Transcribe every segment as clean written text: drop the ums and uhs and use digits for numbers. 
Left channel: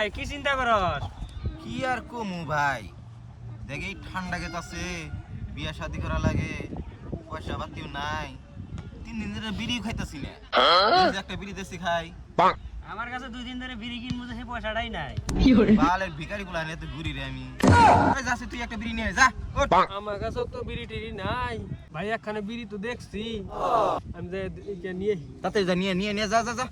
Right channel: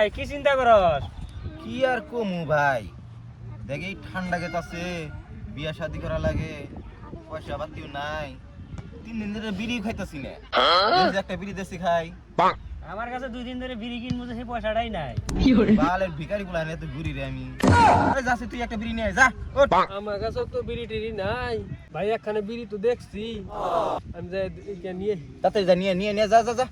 ভাই কি চিন্তা করস? কি আর কমু ভাই, দেখ এই ঠান্ডা গেত আছে, বিয়া শাদি করা লাগে, পয়সা পাতিও নাই। 3 দিন ধরে বিড়ি খাইতাছি না, একটা বিড়ি দেশি খাই। আমার কাছে 2 দিন ধরে বিড়ি কিনবো, সেই পয়সাটাই নাই। বালের ভিখারি গুলা নিয়ে তো ঘুরি রে আমি। ওই যাচ্ছে, তুই একটা বিড়ি নিয়ে আয়, যা। আমার কাছে তো বিড়ি টিড়ি নাই ভাই, একখানে বিড়ি তো দেখছি, আমি যাই নিয়ে তাতে যা, নিয়ে নিয়ে নিয়ে যা যা যা।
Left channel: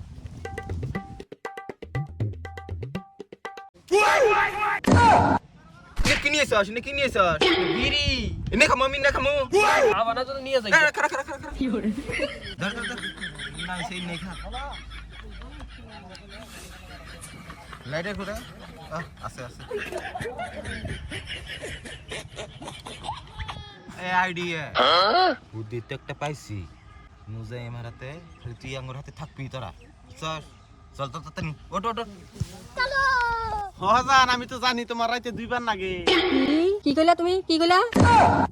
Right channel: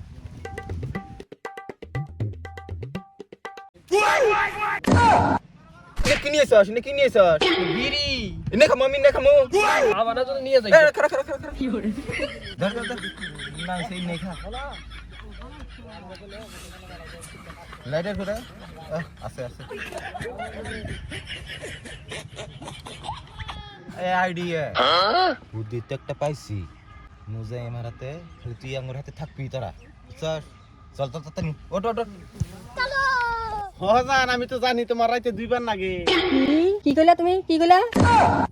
কি নিয়েছস? কি নিয়েছস? বিড়ি এনে খামো, আমি এনে খামো। আমার না যদি নিয়ে যাই। খারা খারা খারা খারা। ধর ধর ধর। না সেই নেই খা। লাইটার কোথায়? আছে আছে। এই আইডিয়া বুদ্ধি তো একটা পাইছি। মুজাই আমার হাতে, তুই আমার হাতে থাকবি তোরা। চল চল চল তাড়াতাড়ি ওঠ ওঠ। জান, আমি তো জানি তোমার রাইতে 2 বার লাগে। কি কইলা তুমি? কি কইলা?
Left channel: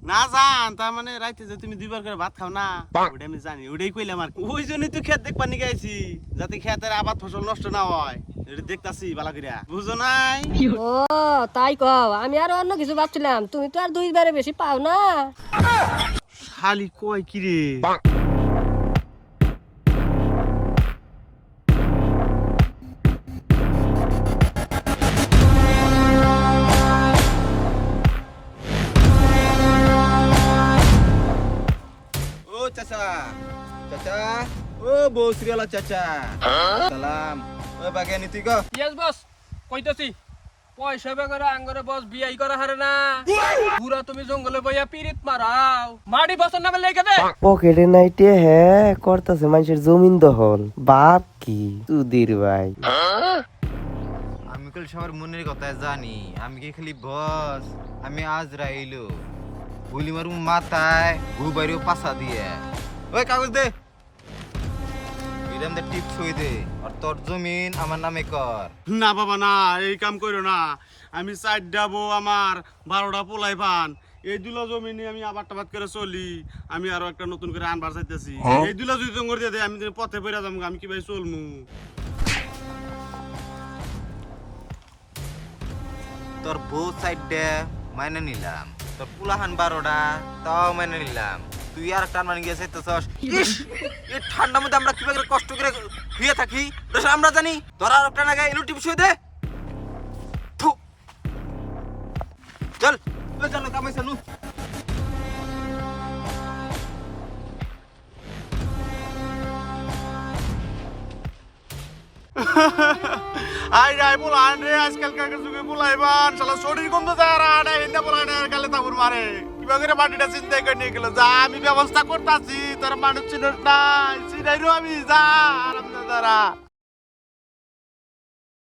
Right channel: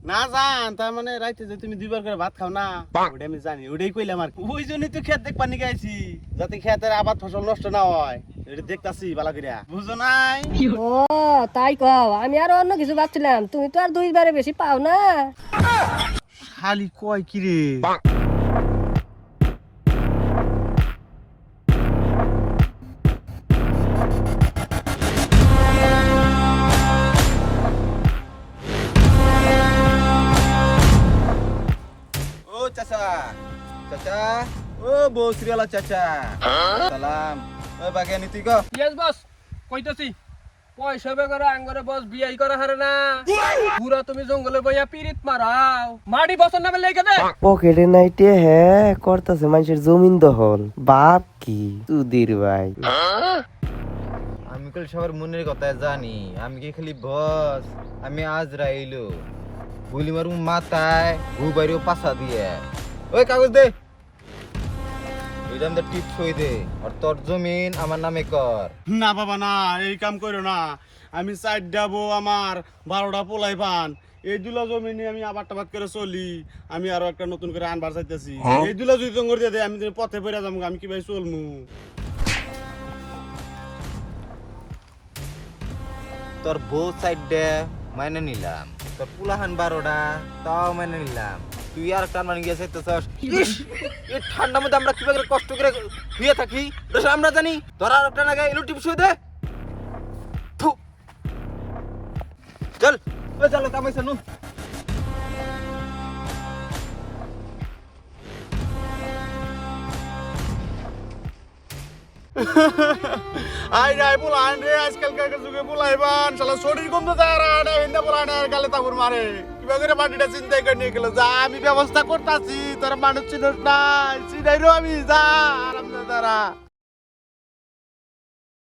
না জান, তার মানে রাইতে যে তুমি 2 বার করে ভাত খাও না, ওটা আমি জানি, ওটাই কইলাম আর কি। ওই জন্যই তো ক্ষেত দেখবার নিয়ে আইছি, যাতে ক্ষেতের আবাদ ফসল নষ্ট না হয়, এটা দেখতাছি বালা করিয়া, বুঝো নাই? ও তাই কও, আমি আর অন্য কিছু ভাবছিলাম। তুমি তো আর 2 বারে বেশি পাও না। খালি কয় কি রে? চাচা চাচা, ও বসরিয়ালা চাচা, সালাম। ও বাগানি তুই গো। ইয়েস বস, কইতাছি পয়সা বেগরে আঙ্গরে বস বিয়াই করা হারে না, পুরা তুমি জঙ্গলে বইয়া পিরিত মারাও, মাটি বছর না গেলে কেবে পকেটে নাইটে হ্যাঁ করতেছে মানুষের জমিন দখল। বাপ কি তুদির ভাই, আমি কল সবার মনের কথা জানি, আমি কি খালি বস? আমি আজ রাইলো গুলি মারু মাথায়, গু বাইরেও পাছা দিয়ে। ওই কাগজ দে, এরম দে টিপ ছই দে, আর তোর জমিন আমার নামে কর। না বাবা না, এই কাম করো না। আমি 4 ডাবো, আমার 12টা পোলাই পান, এই 2লা জমি নিয়ে আমি আবার টাবাদ করে চলি। আমি আরো একটা নতুন করে আনবার চাইতেছি। এই 2লা যদি জঙ্গল দিয়ে দেয়, আমি পথে পড়ে যাবো, আমি কিভাবে চলমু? তোর বউ সাইড দে মাইনে নিলাম, তোর পুলাহান 12টা তাও মাইনে নিলাম, তুই আর টান মানে গিয়েছে তো সস। এই ঠান্ডার মধ্যে আমরা কিভাবে কষ্ট করে শুয়ে থাকি এটা আমরা জানি। তোর আর একটা লাগাই এলো টিপ শুয়ে দে। থু। চল ওই চলো কামাইছে নু। আই যাই বলান রে, আজকালকার যুগে বলাইবান শালা শরীর গন্ধ তারা না, এন্ডা বলান আর গালে তাবুর মারে। কিভাবে করে মাটিটা চিন্তা করে নিয়ে গেল, যা আমি ব্যবস্থা করতাছি, তোর মানুষ চিনস না, চিনাইরো আমি, যা আরাম দাঁড়া।